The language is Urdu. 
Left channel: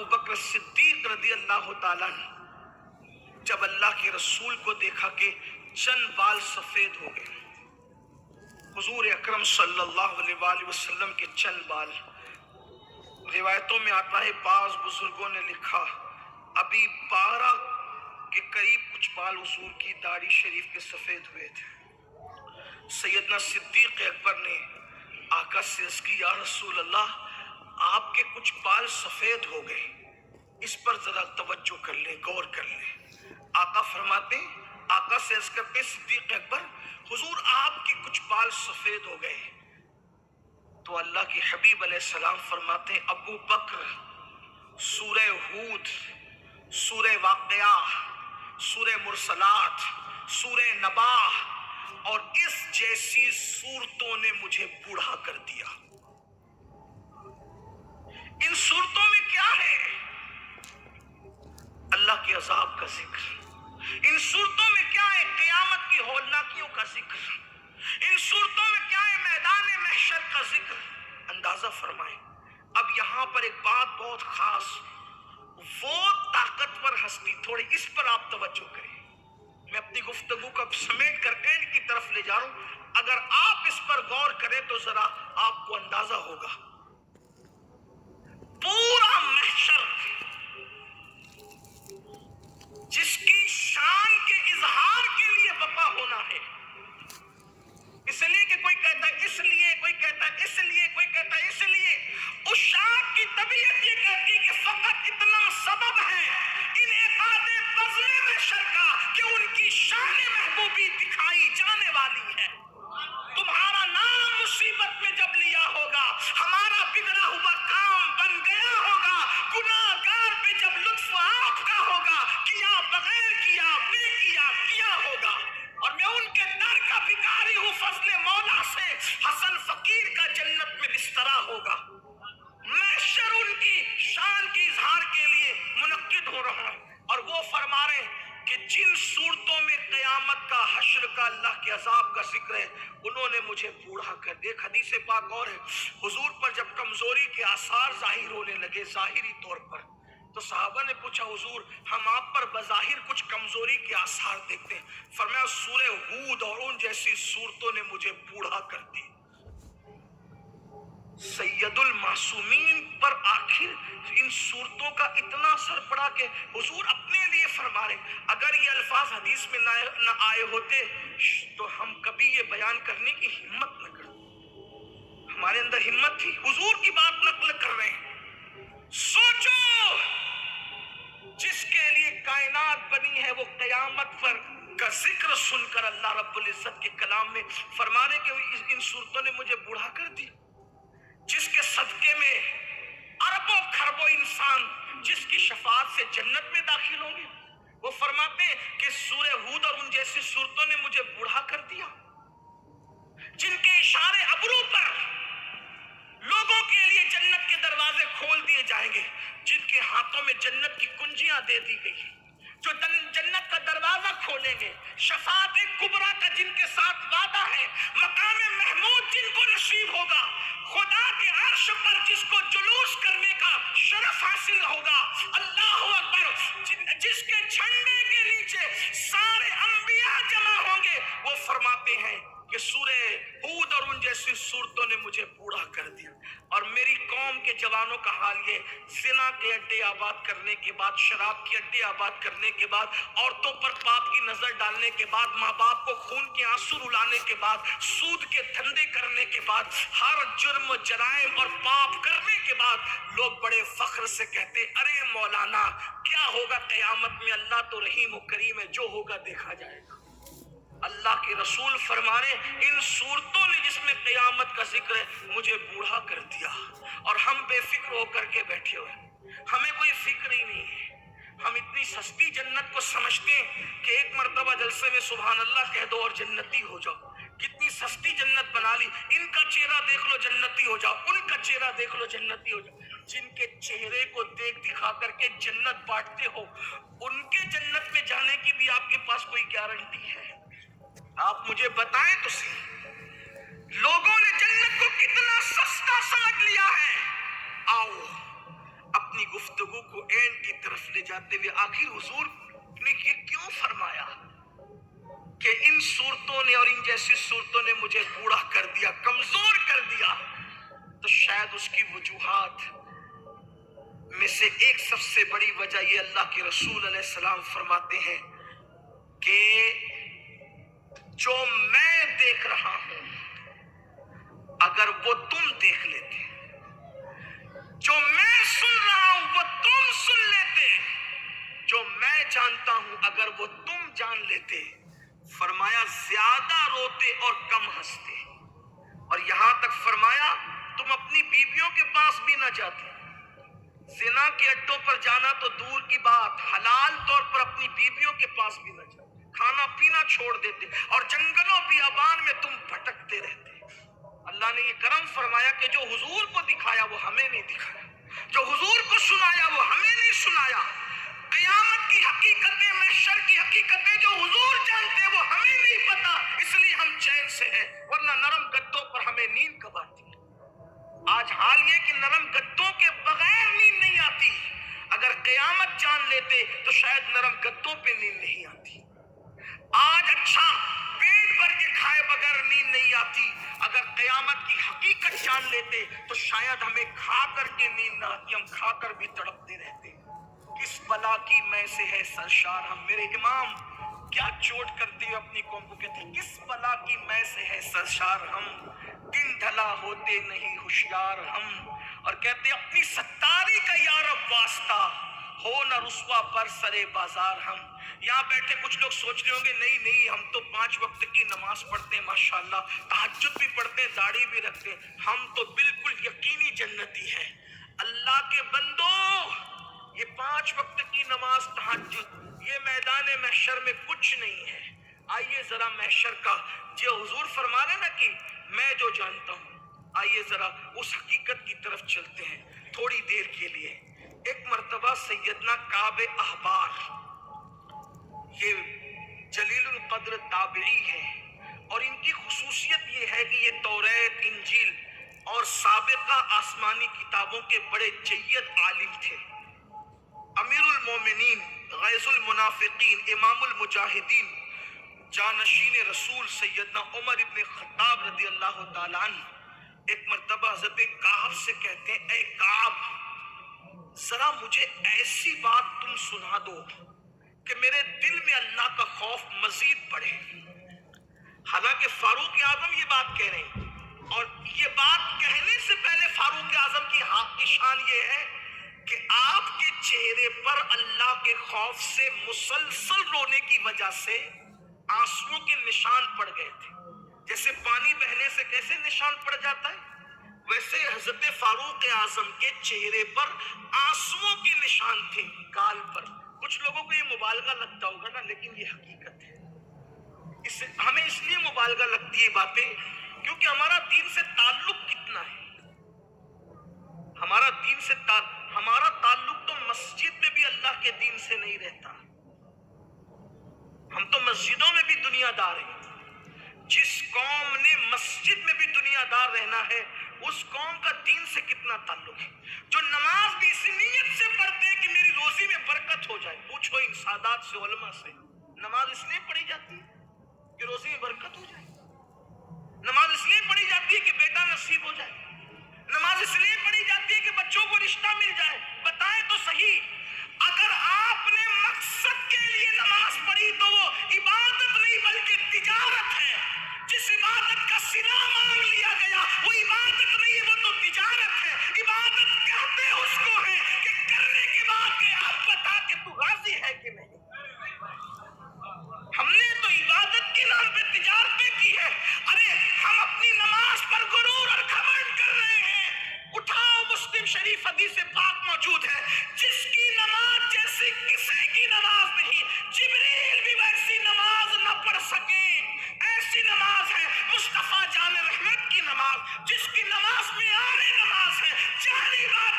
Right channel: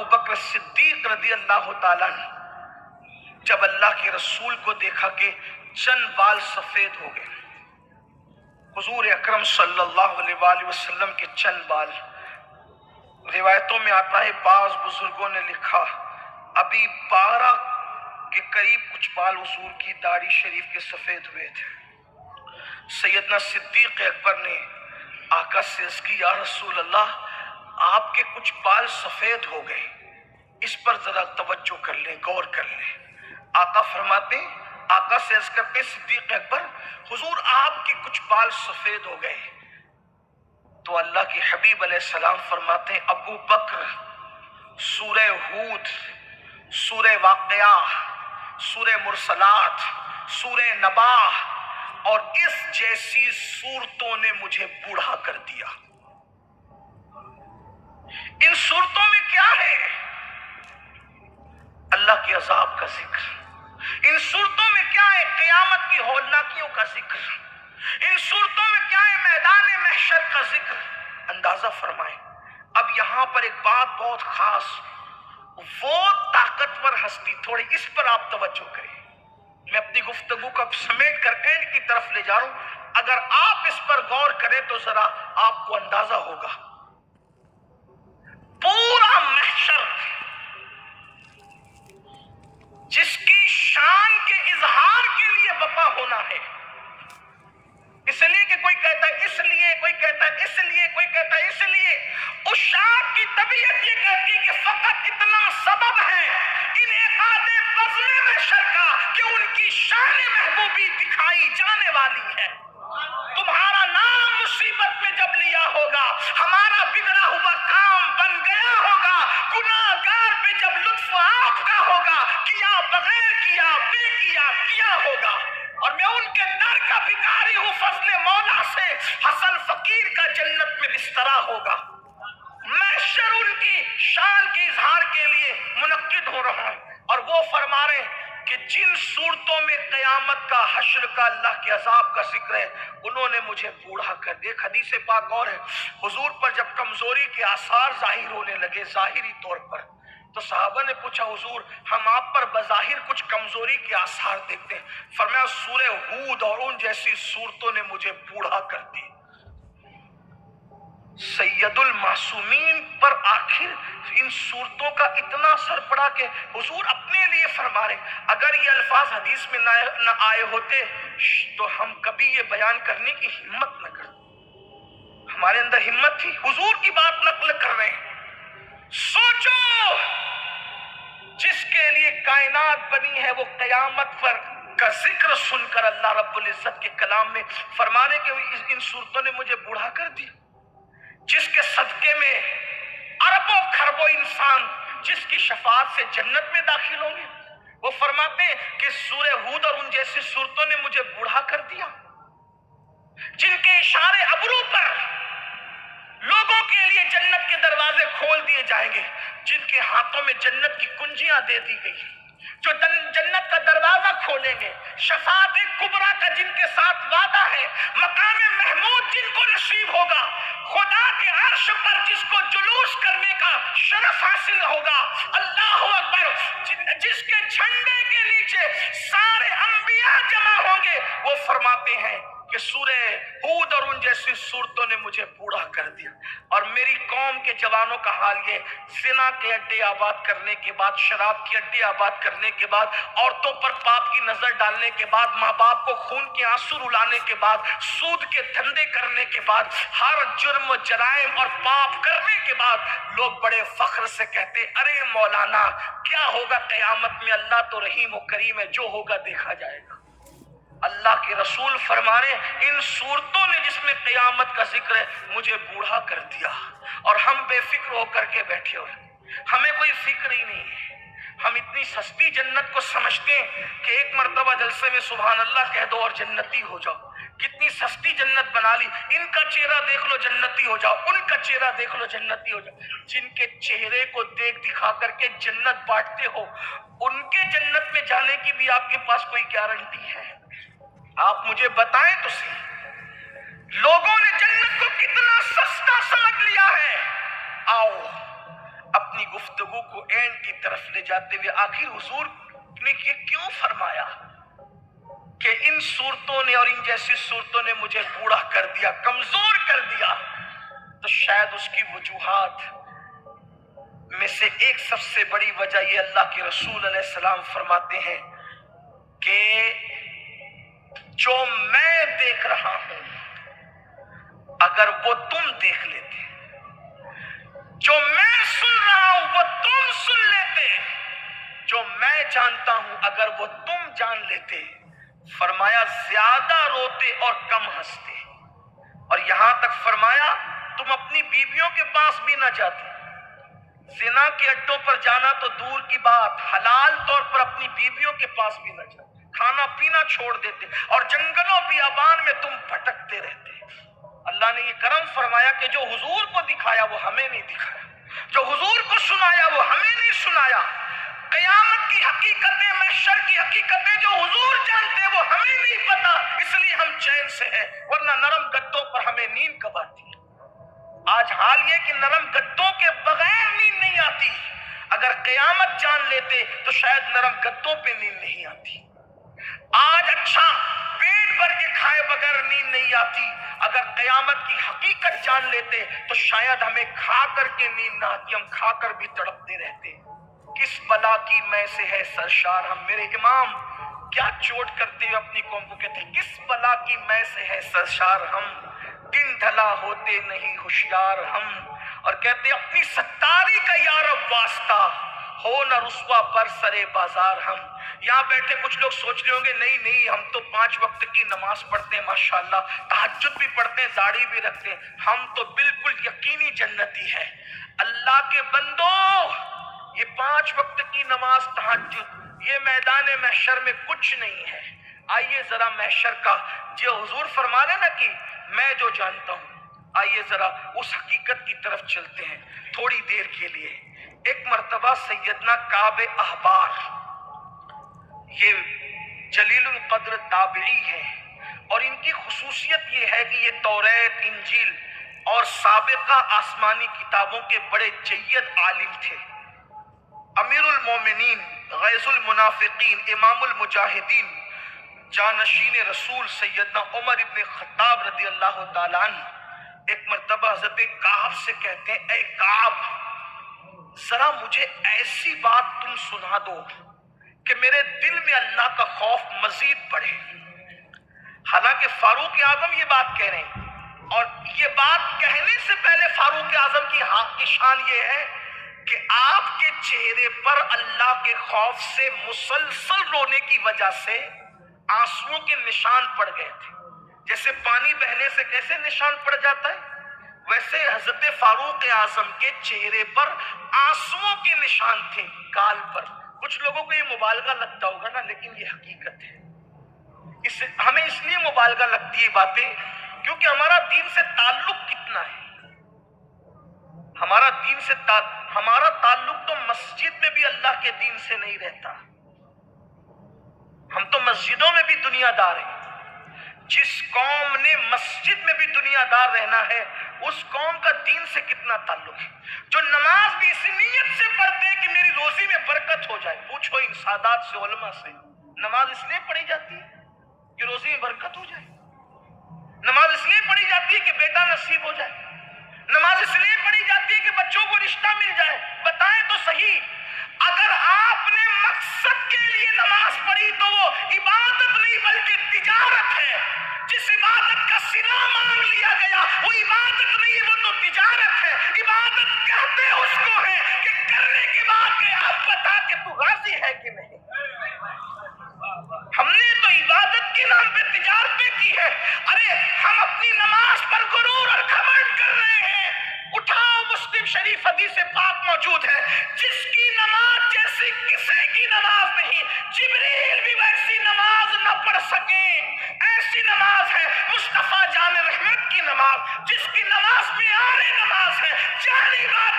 ابو بکر صدیق رضی اللہ تعالیٰ جب اللہ کے رسول کو دیکھا کہ چند بال سفید ہو گئے، حضور اکرم صلی اللہ علیہ وآلہ وسلم کے چند بال، روایتوں میں آتا ہے بعض بزرگوں نے لکھا ابھی 12 کے قریب کچھ بال حضور کی داڑھی شریف کے سفید ہوئے تھے۔ سیدنا صدیق اکبر نے آقا سے عرض کی یا رسول اللہ آپ کے کچھ بال سفید ہو گئے، اس پر ذرا توجہ کر لیں، غور کر لیں۔ آقا فرماتے ہیں، آقا سے عرض کرتے ہیں صدیق اکبر حضور آپ کے کچھ بال سفید ہو گئے، تو اللہ کے حبیب علیہ السلام فرماتے ہیں ابو بکر سورہ ہود، سورہ واقعہ، سورہ مرسلات، سورہ نبا اور اس جیسی سورتوں نے مجھے بوڑھا کر دیا۔ ان سورتوں میں کیا ہے؟ اللہ کے عذاب کا ذکر۔ ان صورتوں میں کیا ہے؟ قیامت کی ہولناکیوں کا ذکر۔ ان صورتوں میں کیا ہے؟ میدان محشر کا ذکر۔ اندازہ فرمائیں۔ اب یہاں پر ایک بات بہت خاص، وہ طاقتور ہستی، تھوڑی اس پر آپ توجہ کریں۔ میں اپنی گفتگو کو سمیٹ کر اینڈ کی طرف لے جا رہا ہوں، اگر آپ اس پر غور کریں تو ذرا آپ کو اندازہ ہوگا۔ پورا محشر جس کی شان کے اظہار کے لیے بپا ہونا ہے، اس لیے کہ کوئی کہتا ہے اس لیے، کوئی کہتا ہے اس لیے، کوئی کہتا ہے اس لیے، اس شان کی طبیعت یہ کہتی ہے کہ فقط اتنا سبب ہے ان احاطے بزم محشر کا کہ ان کی شان محبوبی دکھائی جانے والی ہے۔ تمہارا نام مصیبت میں جب لیا ہوگا، ہمارا بگڑا ہوا کام بن گیا ہوگا، گناہگار پہ جب لطف آپ کا ہوگا، کیا بغیر کیا، بے کیا ہوگا۔ اور میں ان کے در کا بھکاری ہوں، فضل مولا سے حسن فقیر کا جنت میں بسترا ہوگا۔ محشر ان کی شان کے اظہار کے لیے منعقد ہو رہا ہے، اور وہ فرما رہے ہیں کہ جن صورتوں میں قیامت کا، حشر کا، اللہ کے عذاب کا ذکر ہے، انہوں نے مجھے بوڑھا کر دیا۔ ایک حدیث پاک اور ہے، حضور پر جب کمزوری کے آثار ظاہر ہونے لگے ظاہری طور پر، تو صحابہ نے پوچھا حضور ہم آپ پر بظاہر کچھ کمزوری کے آثار دیکھتے ہیں۔ فرمایا سورہ ہود اور ان جیسی صورتوں نے مجھے بوڑھا کر دی۔ سید المعصومین پر آخر ان صورتوں کا اتنا اثر پڑا کہ حضور اپنے لیے فرما رہے اگر یہ الفاظ حدیث میں نہ آئے ہوتے تو ہم کبھی یہ بیان کرنے کی ہمت نہ کرتے۔ ہمارے اندر ہمت تھی، حضور کی بات نقل کر رہے ہیں۔ سوچو جس کے لیے کائنات بنی ہے، وہ قیامت پر کا ذکر سن کر اللہ رب العزت کے کلام میں فرمانے کہ ان صورتوں نے مجھے بوڑھا کر دی، جس کے صدقے میں اربوں کھربوں انسان جس کی شفاعت سے جنت میں داخل ہوں گے، وہ فرماتے ہیں کہ سورہ ہود اور ان جیسی صورتوں نے مجھے بوڑھا کر دیا، جن کے اشارے ابرو پر لوگوں کے لیے جنت کے دروازے کھول دیے جائیں گے، جن کے ہاتھوں میں جنت کی کنجیاں دے دی گئی، جو جنت کا دروازہ کھولیں گے، شفاعت کبریٰ کا جن کے ساتھ وعدہ ہے، مقام محمود جن کو نصیب ہوگا، خدا کے عرش پر جس کو جلوس کرنے کا شرف حاصل ہوگا، اللہ اکبر، جس کے جھنڈے کے نیچے سارے انبیاء جمع ہوں گے، وہ فرماتے ہیں کہ سورہ ہود اور ان جیسی صورتوں نے مجھے بوڑھا کر دیا۔ اور میری قوم کے جوانوں کا حال یہ، زنا کے اڈے آباد کرنے کے بعد، شراب کے اڈے آباد کرنے کے بعد، عورتوں پر پاپ کی نظر ڈالنے کے بعد، ماں باپ کو خون کے آنسو رلانے کے بعد، سود کے دھندے کرنے کے بعد، ہر جرم جرائم اور پاپ کرنے کے بعد، لوگ بڑے فخر سے کہتے ارے مولانا کیا ہوگا قیامت میں، اللہ تو رحیم و کریم ہے، جو ہوگا دیکھا جائے گا۔ اللہ کے رسول فرما رہے ہیں ان صورتوں نے جس میں قیامت کا ذکر ہے مجھے بوڑھا کر دیا، اور ہم بے فکر ہو کر کے بیٹھے ہوئے، ہمیں کوئی فکر ہی نہیں ہے۔ ہم اتنی سستی جنت کو سمجھتے ہیں کہ ایک مرتبہ جلسے میں سبحان اللہ کہہ دو اور جنتی ہو جاؤ۔ کتنی سستی جنت بنا لی، ان کا چہرہ دیکھ لو جنتی ہو جاؤ، ان کا چہرہ دیکھ لو جنتی ہو جاؤ۔ جن کے چہرے کو دیکھ دکھا کر کے جنت بانٹتے ہو، ان کے جنت میں جانے کی بھی آپ کے پاس کوئی گارنٹی ہے؟ آپ مجھے بتائیں تو صحیح، لوگوں نے جنت کو کتنا سستا سمجھ لیا ہے۔ آؤ اپنی گفتگو کو اینڈ کی طرف لے جاتے ہوئے آخر حضور نے یہ کیوں فرمایا کہ ان صورتوں نے اور ان جیسی صورتوں نے مجھے بوڑھا کر دیا، کمزور کر دیا؟ تو شاید اس کی وجوہات میں سے ایک سب سے بڑی وجہ یہ اللہ کے رسول علیہ السلام فرماتے ہیں کہ جو میں دیکھ رہا ہوں اگر وہ تم دیکھ لیتے، جو میں سن رہا ہوں وہ تم سن لیتے، جو میں جانتا ہوں اگر وہ تم جان لیتے، فرمایا زیادہ روتے اور کم ہنستے، اور یہاں تک فرمایا تم اپنی بیویوں کے پاس بھی نہ جاتے، زنا کے اڈوں پر جانا تو دور کی بات، حلال طور پر اپنی بیویوں کے پاس بھی نہ جاتے، کھانا پینا چھوڑ دیتے، اور جنگلوں بیابان میں تم بھٹکتے رہتے۔ اللہ نے یہ کرم فرمایا کہ جو حضور کو دکھایا وہ ہمیں نہیں دکھایا، جو حضور کو سنایا وہ ہمیں نہیں سنایا۔ قیامت کی حقیقتیں، محشر کی حقیقتیں جو حضور جانتے وہ ہمیں نہیں پتا، اس لیے ہم چین سے ہیں، ورنہ نرم گدوں پر ہمیں نیند کب آتی؟ آج حال یہ کہ نرم گدوں کے بغیر نیند نہیں آتی، اگر قیامت جان لیتے تو شاید نرم گدوں پہ نیند نہیں آتی۔ آج اچھا پیٹ بھر کے کھائے بغیر نیند نہیں آتی، اگر قیامت کی حقیقت جان لیتے تو شاید ہمیں کھا کر کے نیند نہ آتی، ہم کھا کر بھی تڑپتے رہتے۔ کس بلا کی میں سے ہے سرشار ہم، میرے امام کیا چوٹ کرتے ہوئے اپنی قوم کو کہتے ہیں، کس بلا کی میں سے ہے سرشار ہم، دن ڈھلا ہوتے نہیں ہوشیار ہم، اور کہتے ہیں اپنی ستاری کا یارب واسطہ ہو نہ رسوا پر سرے بازار ہم۔ یہاں بیٹھے کچھ لوگ سوچ رہے ہوں گے نہیں ہم تو 5 وقت کی نماز پڑھتے ہیں، ماشاءاللہ تہجد بھی پڑھتے ہیں، داڑھی بھی رکھتے ہیں، ہم تو بالکل یقینی جنتی ہے۔ اللہ کے بندو، یہ 5 وقت کی نماز، تہجد، یہ میدان محشر میں کچھ نہیں ہے۔ آئیے ذرا محشر کا جو حضور فرما رہے نا کہ میں جو جانتا ہوں، آئیے ذرا اس حقیقت کی طرف چلتے ہیں تھوڑی دیر کے لیے۔ ایک مرتبہ سیدنا کعب احبار، یہ جلیل القدر تابعی ہے، اور ان کی خصوصیت یہ ہے کہ یہ توریت، انجیل اور سابقہ آسمانی کتابوں کے بڑے جید عالم تھے۔ امیر المومنین، غیظ المنافقین، امام المجاہدین، جانشین رسول سیدنا عمر ابن خطاب رضی اللہ تعالیٰ عنہ ایک مرتبہ حضرت کعب سے کہتے ہیں، اے کعب ذرا مجھے ایسی بات تم سنا دو کہ میرے دل میں اللہ کا خوف مزید بڑھے۔ حالانکہ فاروق اعظم یہ بات کہہ رہے ہیں، اور یہ بات کہنے سے پہلے فاروق اعظم کی شان یہ ہے کہ آپ کے چہرے پر اللہ کے خوف سے مسلسل رونے کی وجہ سے آنسوؤں کے نشان پڑ گئے تھے۔ جیسے پانی بہنے سے کیسے نشان پڑ جاتا ہے، ویسے حضرت فاروق اعظم کے چہرے پر آنسوؤں کے نشان تھے، گال پر۔ کچھ لوگوں کو یہ مبالغہ لگتا ہوگا نا، لیکن یہ حقیقت ہے۔ ہمیں اس لیے مبالغہ لگتی ہے باتیں کیونکہ ہمارا دین سے تعلق کتنا ہے۔ ہمارا تعلق تو مسجد میں بھی اللہ کے دین سے نہیں رہتا، ہم تو مسجدوں میں بھی دنیا دار ہیں۔ جس قوم نے مسجد میں بھی دنیا دار رہنا ہے، اس قوم کا دین سے کتنا تعلق ہے۔ جو نماز بھی اس نیت سے پڑھتے ہیں کہ میری روزی میں برکت ہو جائے، پوچھو ان سادات سے، علماء سے، نماز اس لیے پڑھی جاتی ہے کہ روزی میں برکت ہو جائے، نماز اس لیے پڑھی جاتی ہے کہ بیٹا نصیب ہو جائے، نماز اس لیے پڑھی جاتی ہے کہ بچوں کو رشتہ مل جائے۔ بتائیں تو صحیح، اگر آپ نے مقصد کے لیے نماز پڑھی تو وہ عبادت نہیں بلکہ تجارت ہے۔ جس عبادت کا صلہ مانگ لیا گیا وہ عبادت نہیں ہے، وہ تو تجارت ہے۔ عبادت کہتے اس کو ہے کہ کرنے کے بعد کہ آپ بتا کہ تو راضی ہے کہ نہیں۔ ہم نے تو عبادت کے نام پہ تجارتیں کی ہے۔ ارے ہم اپنی نماز پر غرور اور گھمنڈ کر رہے ہیں۔ اٹھاؤ، مسلم شریف حدیث پاک موجود ہے، جس کی نماز جیسی کسی کی نماز نہیں، جبریل بھی ویسی نماز نہ پڑھ سکے۔ ایسی نماز ہے مصطفیٰ جان رحمت کی نماز، جس کی نماز معیار نماز ہے، جانی بات